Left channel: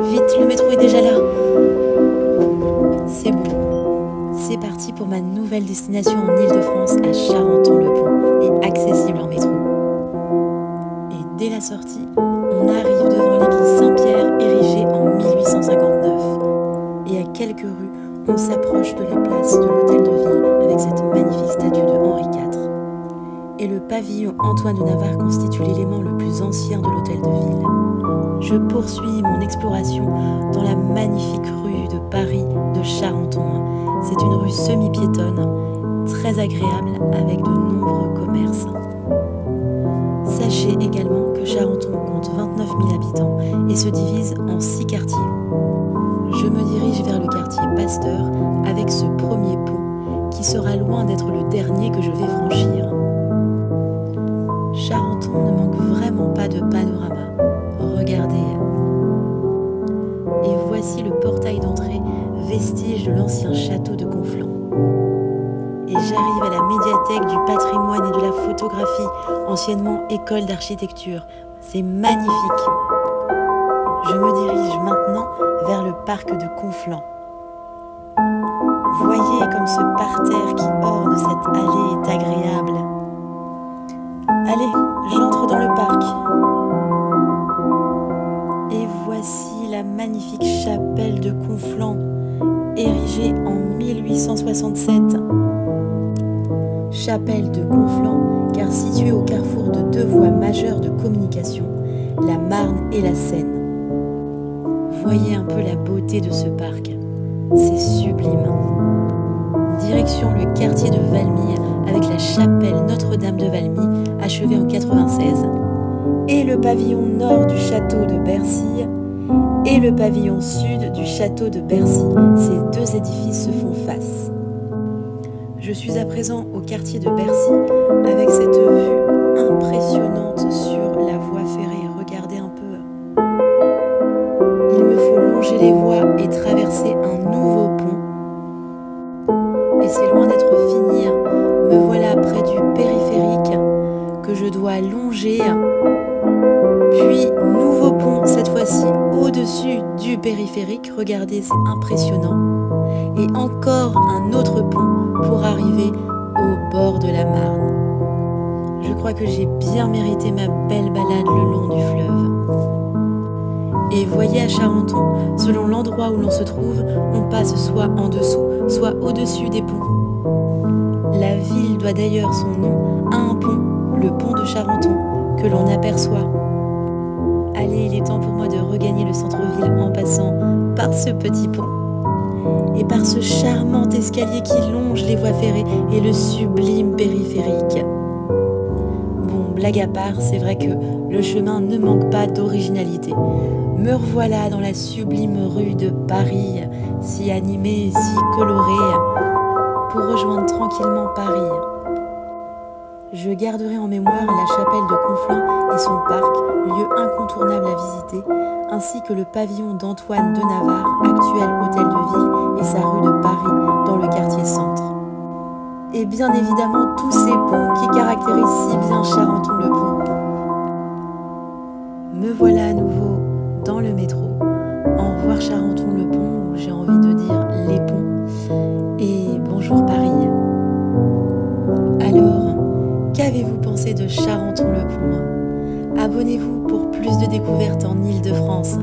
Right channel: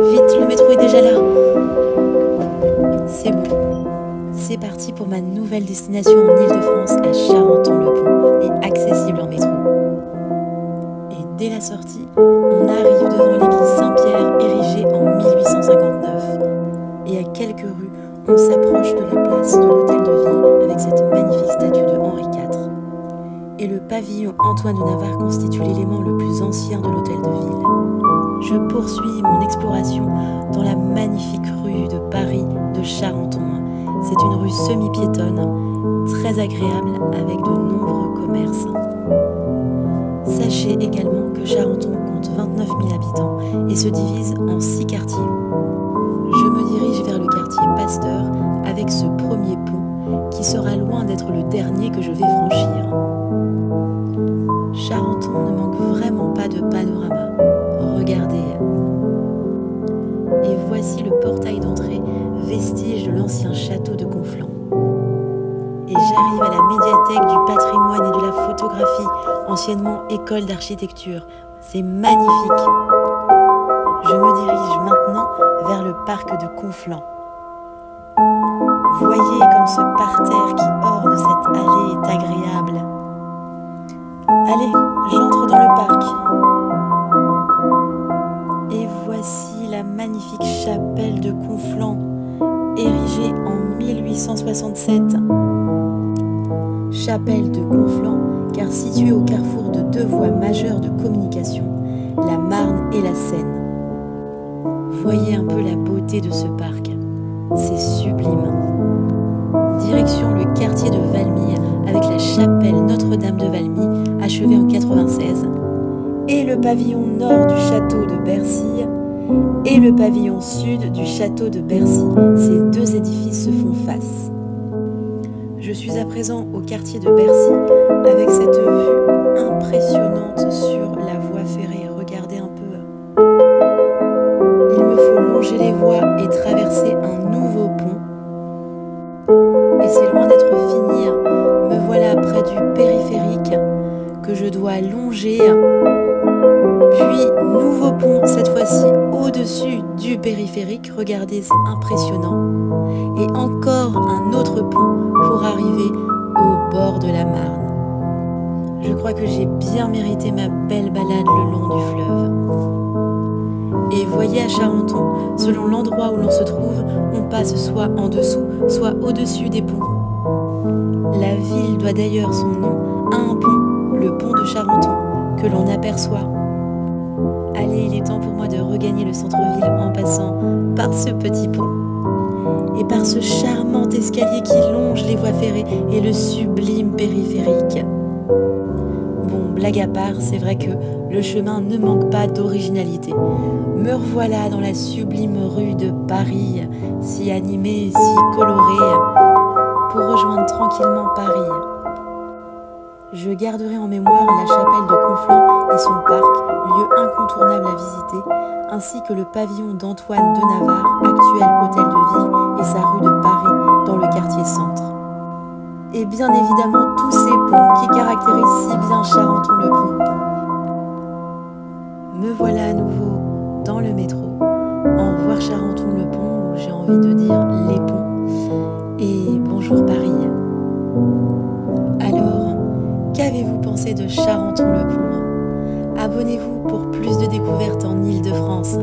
Vite, le métro est déjà là. C'est bon. C'est parti pour ma nouvelle destination en Île-de-France, à Charenton-le-Pont, et accessible en métro. Et dès la sortie, on arrive devant l'église Saint-Pierre, érigée en 1859. Et à quelques rues, on s'approche de la place de l'Hôtel de Ville, avec cette magnifique statue de Henri IV. Et le pavillon Antoine de Navarre constitue l'élément le plus ancien de l'Hôtel de Ville. Je poursuis mon exploration dans la magnifique rue de Paris de Charenton. C'est une rue semi-piétonne, très agréable avec de nombreux commerces. Sachez également que Charenton compte 29 000 habitants et se divise en 6 quartiers. Je me dirige vers le quartier Pasteur avec ce premier pont qui sera loin d'être le dernier que je vais franchir. Charenton ne manque vraiment pas de panorama. Regardez. Et voici le portail d'entrée, vestige de l'ancien château de Conflans. Et j'arrive à la médiathèque du patrimoine et de la photographie, anciennement école d'architecture. C'est magnifique. Je me dirige maintenant vers le parc de Conflans. Voyez comme ce parterre qui orne cette allée est agréable. Allez, j'entre dans le parc. Et voici la magnifique chapelle de Conflans, érigée en 1867. Chapelle de Conflans, car située au carrefour de deux voies majeures de communication, la Marne et la Seine. Voyez un peu la beauté de ce parc, c'est sublime. Direction le quartier de Valmy avec la chapelle Notre-Dame de Valmy, achevée en 96, et le pavillon nord du château de Bercy et le pavillon sud du château de Bercy. Ces deux édifices se font face. Je suis à présent au quartier de Bercy avec cette vue impressionnante sur la voie ferrée. Regardez un peu. Il me faut longer les voies et traverser un nouveau pont. Et c'est loin d'être fini. Me voilà près du périphérique que je dois longer. Puis, nouveau pont, cette fois-ci au-dessus du périphérique. Regardez, c'est impressionnant. Et encore un autre pont pour arriver au bord de la Marne. Je crois que j'ai bien mérité ma belle balade le long du fleuve. Et voyez à Charenton, selon l'endroit où l'on se trouve, on passe soit en dessous, soit au-dessus des ponts. La ville doit d'ailleurs son nom à un pont, le pont de Charenton, que l'on aperçoit. Allez, il est temps pour moi de regagner le centre-ville en passant par ce petit pont et par ce charmant escalier qui longe les voies ferrées et le sublime périphérique. Bon, blague à part, c'est vrai que le chemin ne manque pas d'originalité. Me revoilà dans la sublime rue de Paris, si animée, si colorée, pour rejoindre tranquillement Paris. Je garderai en mémoire la chapelle de Conflans et son parc, lieu incontournable à visiter, ainsi que le pavillon d'Antoine de Navarre, actuel hôtel de ville, et sa rue de Paris, dans le quartier centre. Et bien évidemment tous ces ponts qui caractérisent si bien Charenton-le-Pont. Me voilà à nouveau dans le métro. Au revoir Charenton-le-Pont, ou j'ai envie de dire les ponts. Et bonjour Paris. Alors, qu'avez-vous pensé de Charenton-le-Pont? Abonnez-vous pour plus de découvertes en Île-de-France.